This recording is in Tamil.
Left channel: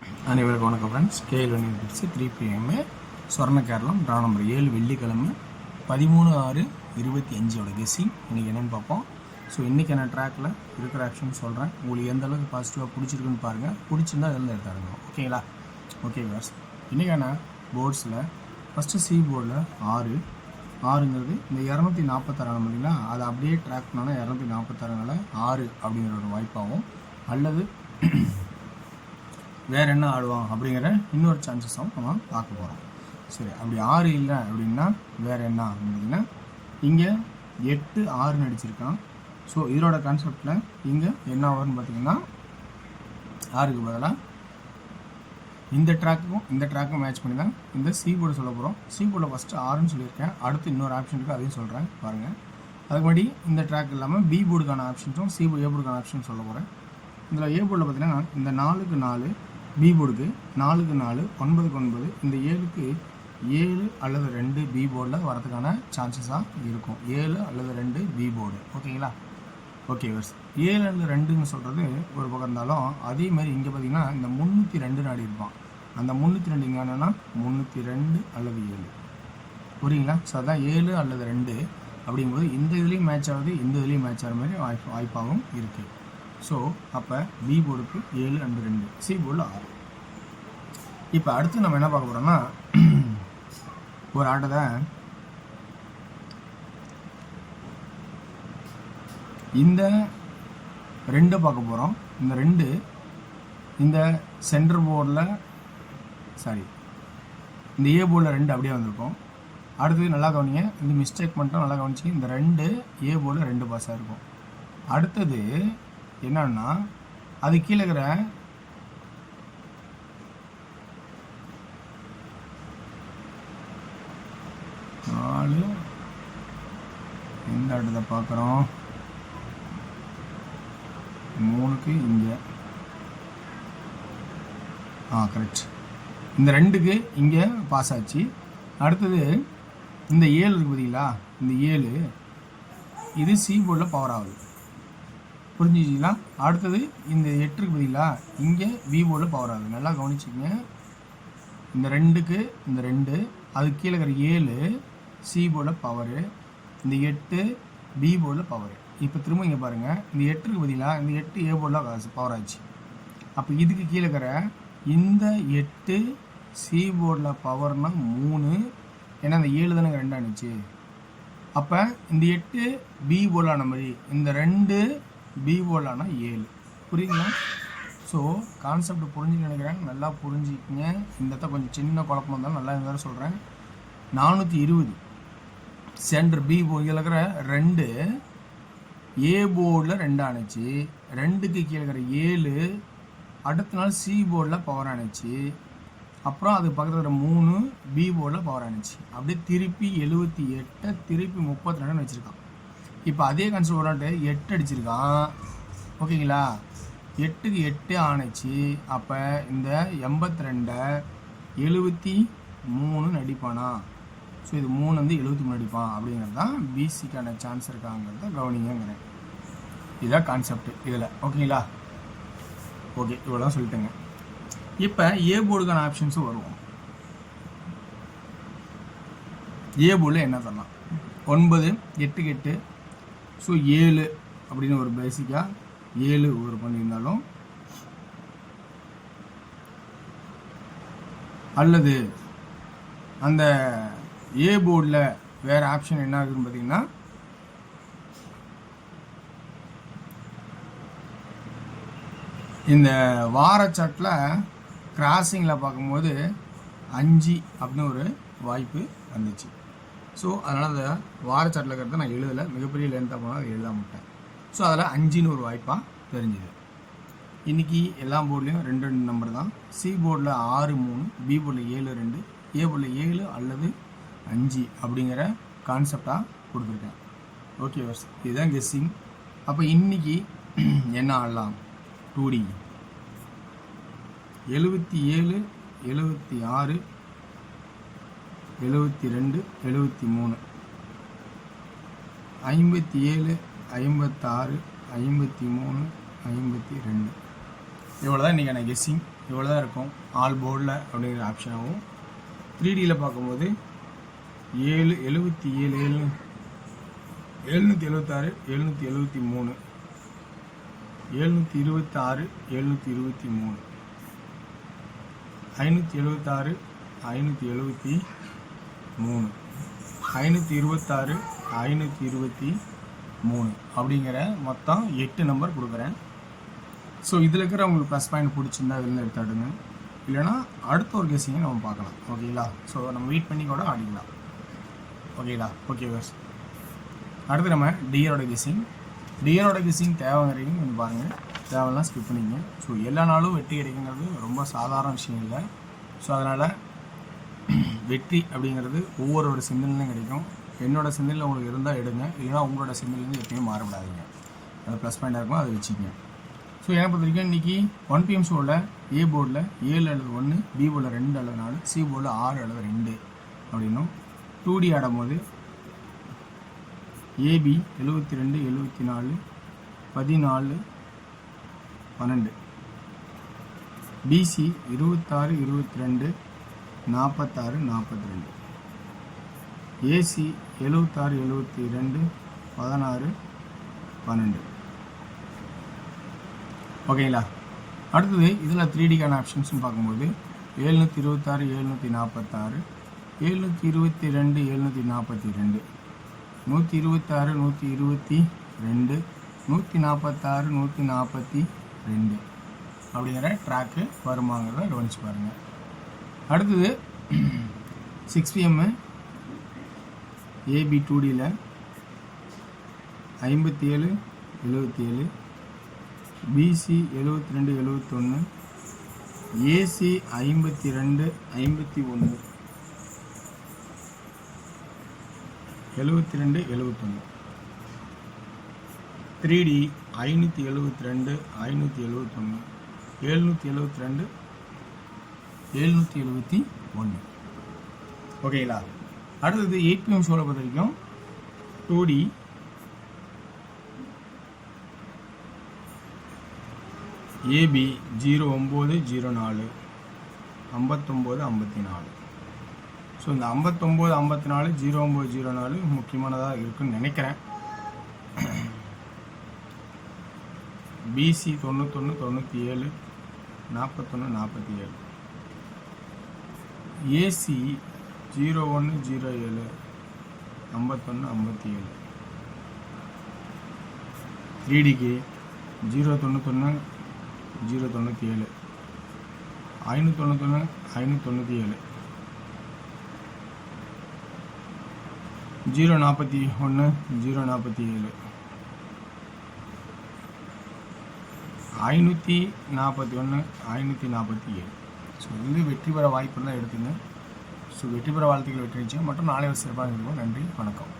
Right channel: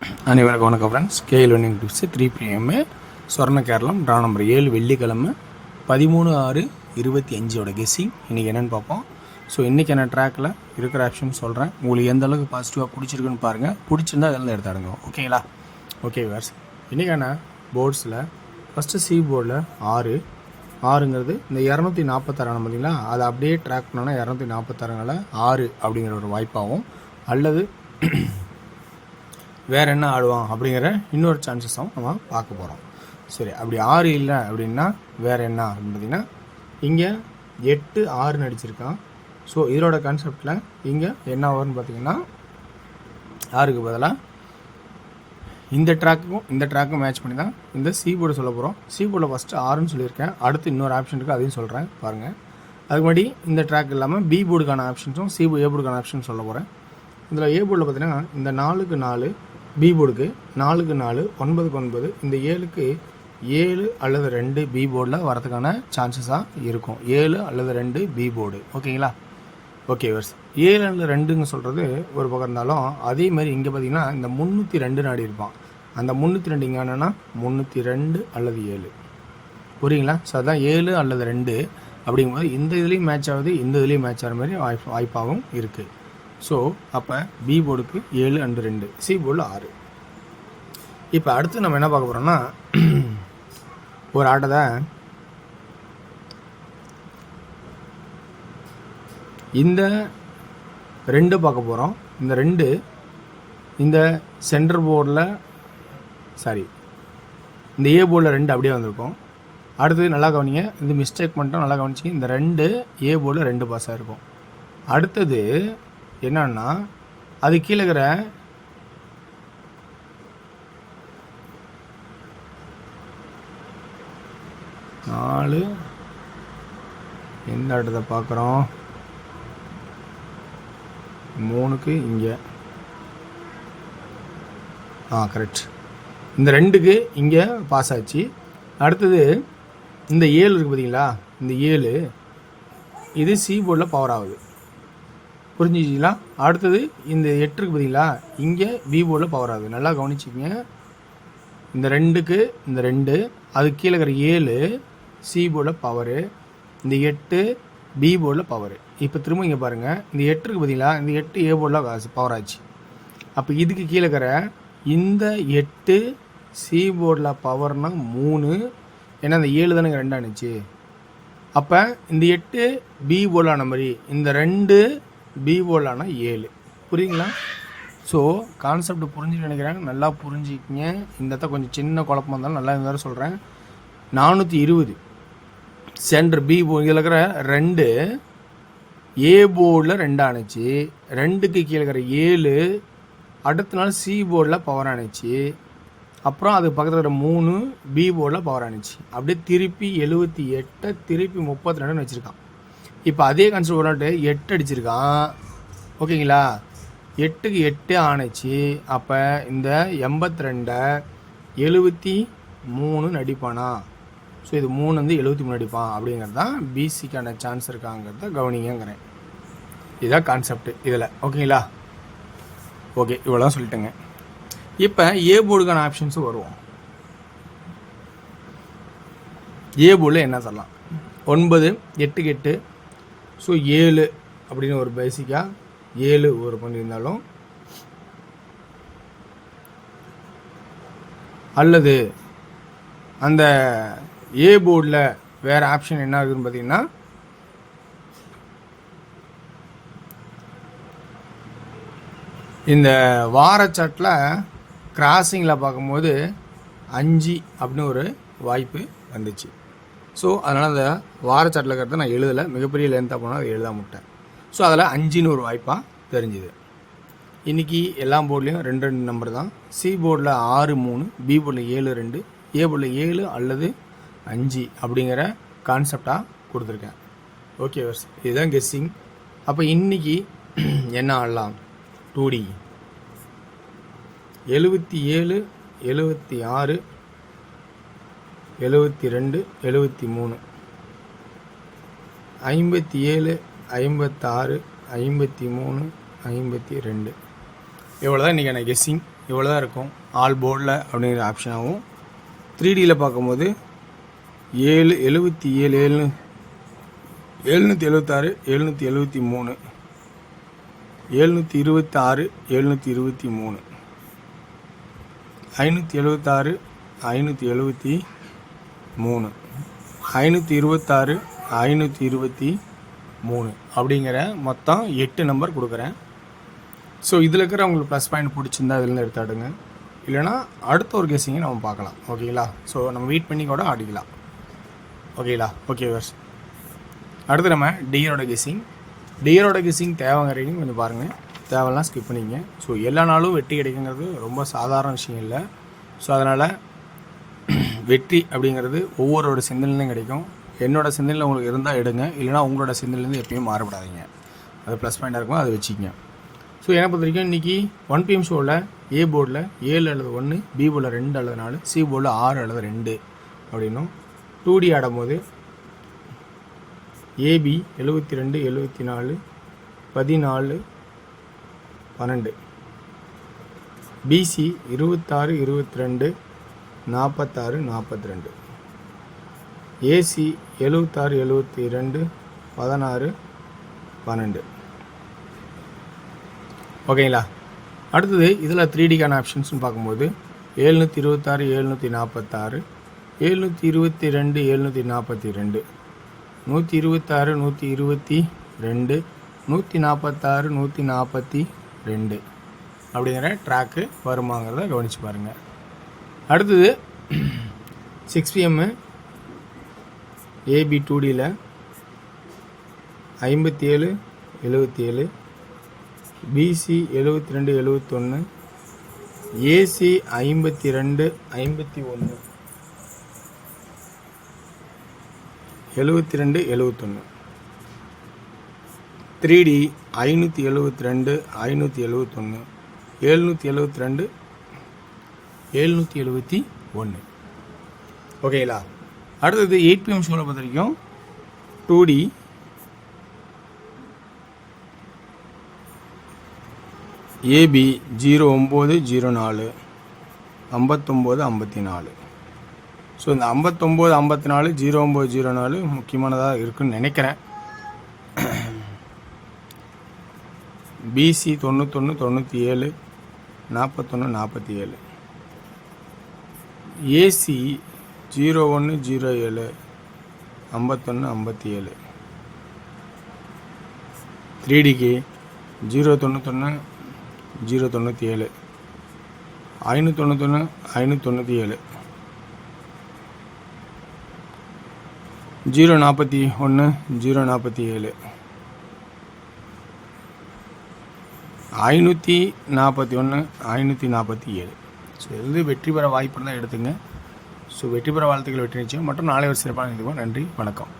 அனைவருக்கும் வணக்கம் friends. KL winning tips 3 PM சொர்ண கேரளம் ட்ரா நம்பர் 7 வெள்ளிக்கிழமை 13/6/25 கெஸ்ஸிங். இன்றைக்கி என்னென்னு பார்ப்போம். ஸோ இன்றைக்கி என்ன ட்ராக்கில் இருக்கிற ஆப்ஷன் சொல்கிறேன். உங்களுக்கு எந்த அளவுக்கு பாசிட்டிவாக பிடிச்சிருக்குன்னு பாருங்கள். பிடிச்சிருந்தா அதெல்லாம் எடுத்தாடுங்க. ஓகேங்களா? ஓகே வேர்ஸ். இன்றைக்கான போர்ட்ஸில் ஃபஸ்ட்டு சி போர்டில் 6ங்கிறது இந்த 246 பார்த்தீங்களா, அதை அப்படியே ட்ராக் பண்ணோன்னா 246 6 அப்படிங்கிற ஒரு வாய்ப்பாகும். அல்லது வேறு என்ன ஆடுவான் அப்படிங்கிற இன்னொரு சான்சஸும் நம்ம பார்க்க போகிறோம். சரி, அப்படி 6 இல்லை அப்படின்னா வேறு என்ன அப்படின்னு பார்த்தீங்கன்னா, இங்கே 8 6 அடிச்சிருக்கான். ஸோ இதோட கான்செப்டில் இங்கே என்ன ஆகும்னு பார்த்தீங்கன்னா, 6க்கு பதிலாக இந்த ட்ராக்கும் மேட்ச் பண்ணி தான் இந்த சி போர்டு சொல்ல போகிறோம். சி போர்டில் ஃபஸ்ட்டு 6ன்னு சொல்லியிருக்கேன். அடுத்து இன்னொரு ஆப்ஷன் இருக்குது, அதையும் சொல்கிறேன் பாருங்கள். அதுக்கு முன்னாடி இந்த ட்ராக் இல்லாமல் பி போர்டுக்கான ஆப்ஷன்ஸும் ஏ போர்டுக்கான ஆப்ஷன் சொல்ல போகிறேன். இதில் ஏ போர்டில் பார்த்தீங்கன்னா இந்த 4க்கு 4, பி போர்டுக்கு 4க்கு 4, 9க்கு 9, இந்த 7க்கு 7 அல்லது 2 பி போர்டில் வரதுக்கான சான்சஸாக இருக்கும். 7 அல்லது 2 பி போர்டு. ஓகேங்களா? ஓகே வர்ஸ். 7 அல்லது 2ன்னு சொல்கிறது ஒரு பக்கம் இருந்தாலும், அதே மாதிரி இங்கே பார்த்தீங்கன்னா இந்த 302 நாடி இருப்பான். அந்த 302 இங்கே என்னென்னா 302 அல்லது 7. புரியுங்களா? ஸோ அதான் 7 அல்லது 2 அப்படிங்கும்போது இந்த இதுலேயும் மேட்ச் ஆகுது, இந்த இதுலேயும் மேட்ச் ஆகிற மாதிரி வாய்ப்பாகவும் இருக்குது. ஸோ அப்போ பி போர்டுக்கு 7 அண்ட் 2, சி போர்டில் 6. இப்போ அடுத்து நம்ம என்ன பார்க்க போகிறோம்னா, ஒரு ஆட்டத்தை இந்த 2 பார்க்க போகிறோம். இந்த 2 இந்த சென்டர் போர்டில் இந்த ஏ போர்டில் 2 அப்படியே வந்திருக்கும். அடுத்தது நல்லா கவனிங்க, இது மிஸ்டேக் பண்ணிட்டோம், நல்லா கவனிச்சு. இந்த 2 ஏ போர்டில் 2 பாஸாக இருக்கும். அடுத்தது என்னன்னா, அது கீழே இருக்கிற நாலு எந்த இடத்த பார்க்குறோம், 3க்கு இங்கே கரெக்ட். இந்த 2க்கு இங்கே பாஸ் ஆச்சு. அடுத்தது இந்த 7 இருக்குது பார்த்தீங்களா, இந்த 7 இது சி போர்டில் பவர் ஆகுது. புரிஞ்சிச்சிங்களா? அடுத்தது இந்த 8க்கு பார்த்தீங்களா, இங்கே பி போர்டில் பவர் ஆகுது. நல்லா கவனிச்சிங்க. இந்த 2க்கு இந்த 2, அது கீழே இருக்கிற 7 சி போர்டில் பவரு, இந்த 8 பி போர்டில் பவரு. இப்போ திரும்ப இங்கே பாருங்கள், இந்த 8க்கு பார்த்தீங்களா, இந்த 8 ஏ போர்டில் பவர் ஆச்சு. அப்போ இதுக்கு கீழே இருக்கிற இந்த 8 சி போர்டில் பவர்னா 3, ஏன்னா இந்த 7 தானே 2 ஆனிச்சு. அப்போ இந்த 8 பி போர்டிலான மாதிரி இந்த 2 பி போர்டிலான 7. புரியுங்களா? ஸோ கான்செப்ட் புரிஞ்சுன்னு நினைக்கிறேன். நல்லா புரிஞ்சுக்கிங்க. இந்த இடத்த கொஞ்சம் சின்ன குழப்பம் இருந்தாலும் நல்லா இருந்தாலும் சொல்கிறேன். 420 சென்டர் பி போர்டு இதில் இருக்கிற 2 ஏ போர்டில் 2 ஆனிச்சு. 2க்கு கீழே இருக்கிற 7 அடுத்த நாள் சி போர்டில் பவர் ஆனிச்சு. அப்புறம் அது பக்கத்தில் இருக்கிற 3 பி போர்டில் பவர் ஆனிச்சு. அப்படியே திருப்பி 78 திருப்பி 32 வச்சுருக்கான். இப்போ அதே கான்செப்ட் ஒரு 8 அடிச்சிருக்கான். ஓகேங்களா? 8க்கு 8 ஆனிச்சு. அப்போ இந்த 82 73 அடிப்பானா? ஸோ இது 3 வந்து 73 அடிப்பான். அப்படிங்கிறது தான் பிசிக்கான சான்ஸ் இருக்காங்கிறத கவனிங்கிறேன். இதுதான் கான்செப்ட் இதில். ஓகேங்களா? ஓகே, இவ்வளோ சொல்லிட்டேங்க. இப்போ ஏ போர்டுக்கான ஆப்ஷன்ஸும் வருவோம். ஏ போர்டில் என்ன சொல்லலாம்? 9 8க்கு 8, ஸோ 7 அப்படின்னு ஒரு பேசிக்காக 7 ஒரு பண்ணியிருந்தாலும், அல்லது அந்த ஏ போர்டில் வேறு ஆப்ஷன் என்ன இருக்குதுன்னு பார்த்தீங்கன்னா, இந்த வாரச்சாட்டில் கிராசிங்கில் பார்க்கும்போது 5 அப்படின்னு ஒரு வாய்ப்பு வந்துச்சு. ஸோ அதனால் அந்த வாரச்சாட்டில் இருக்கிறத நான் எழுதலை, மிகப்பெரிய லென்த்தாக போனால் அதை எழுத மாட்டேன். ஸோ அதில் 5ன்னு ஒரு வாய்ப்பாக தெரிஞ்சுது. இன்றைக்கி எல்லா போர்ட்லேயும் 2 நம்பர் தான். சி போர்டில் 6 3, பி போர்டில் 7 2, ஏ போர்டில் 7 அல்லது 5 அப்படிங்கிற கான்செப்டாக கொடுத்துருக்கேன். ஓகே வர்ஸ், இதுதான் கெஸ்ஸிங். அப்போ இன்றைக்கி என்ன ஆடலாம்? 2D 77 76 72 73 57 56 53 52 இவ்வளோ தான் இன்றைக்கான கெஸ்ஸிங். இவ்வளோ தான் இருக்கும் ஆல் போர்டில் அப்படிங்கிற ஆப்ஷனாகவும். 3Dயில் பார்க்கும்போது 77 776 773 726 723 576 573 526 523 அப்படிங்கிற மொத்தம் 8 நம்பர் கொடுக்குறேன். ஸோ இதில் இருக்கிற உங்களுக்கு ப்ளஸ் பாயிண்ட் பிடிச்சிருந்தா இதுலேருந்து எடுத்தாடுங்க, இல்லைனா அடுத்த ஒரு கெஸ்ஸிங்கை நம்ம பார்க்கலாம். ஓகேங்களா? ஸோ நம்ம வெயிட் பண்ணி கூட ஆடிக்கலாம். ஓகேங்களா? ஓகே வர்ஸ். அடுத்து நம்ம டியரோட கெஸ்ஸிங் தேவைங்கிறீங்க கொஞ்சம் பாருங்கள், தேவைலாம் ஸ்கிப் பண்ணிங்க. ஸோ எல்லா நாளும் வெற்றி கிடைக்குங்கிறது ரொம்ப சாதாரண விஷயம் இல்லை. ஸோ அதனால் வெற்றி அப்படிங்கிறது ஒவ்வொருவரோட சிந்தனையிலையும் கிடைக்கும். என்னோடய சிந்தனையில் உங்களுக்கு இருந்தால் எடுங்க, இல்லைனா உங்களோட சிந்தனையிலேருந்து எப்பயும் மாறப்படாதீங்க. அது ப்ளஸ் பாயிண்டாக இருக்கும், அதை வச்சுக்கங்க. ஸோ என்னை பொறுத்த வரைக்கும் இன்றைக்கி 1 PM ஷோவில் ஏ போர்டில் 7 அல்லது 1, பி போர்டில் 2 அல்லது 4, சி போர்டில் 6 அல்லது 2 அப்படின்னும் 2D ஆடும்போது ஏபி 72 74 14 12, பிசி 26 22 46 42, ஏசி 76 72 16 12. ஓகேங்களா? அடுத்தது இதில் 3Dக்கான ஆப்ஷன்ஸ்னு பார்க்கும்போது 726 746 722 742 126 122 146 142 அப்படிங்கிற ட்ராக்கு வருமாங்கிறத கவனித்து பாருங்கள். அடுத்தது 6 PM AB 2Dயில் 57 77, PC 72 71, AC 52 51 72 71, 3D 572 571 772 771. ஓகேங்களா? அடுத்தது 8 PM ஷோவில் பொறுத்த வரைக்கும் 2D ஏபி 0904 59 54. ஸோ இந்த 59 54 0904 முக்கியமானதாக இருக்குன்னு நினைக்கிறேன். PC 91 97 41 47, AC 01 07 51 57, 3Dக்கு 091 097 591 597, 041 047 541 547. ஸோ இது வெற்றி பெற வாய்ப்பு இருந்தால் எடுத்துங்க. ஸோ வெற்றி பெற வாழ்த்துக்கள், வெற்றி நிச்சயம் மற்றும் நாளை ஒரு சிறப்பான நிகழ்வு. நன்றி, வணக்கம்.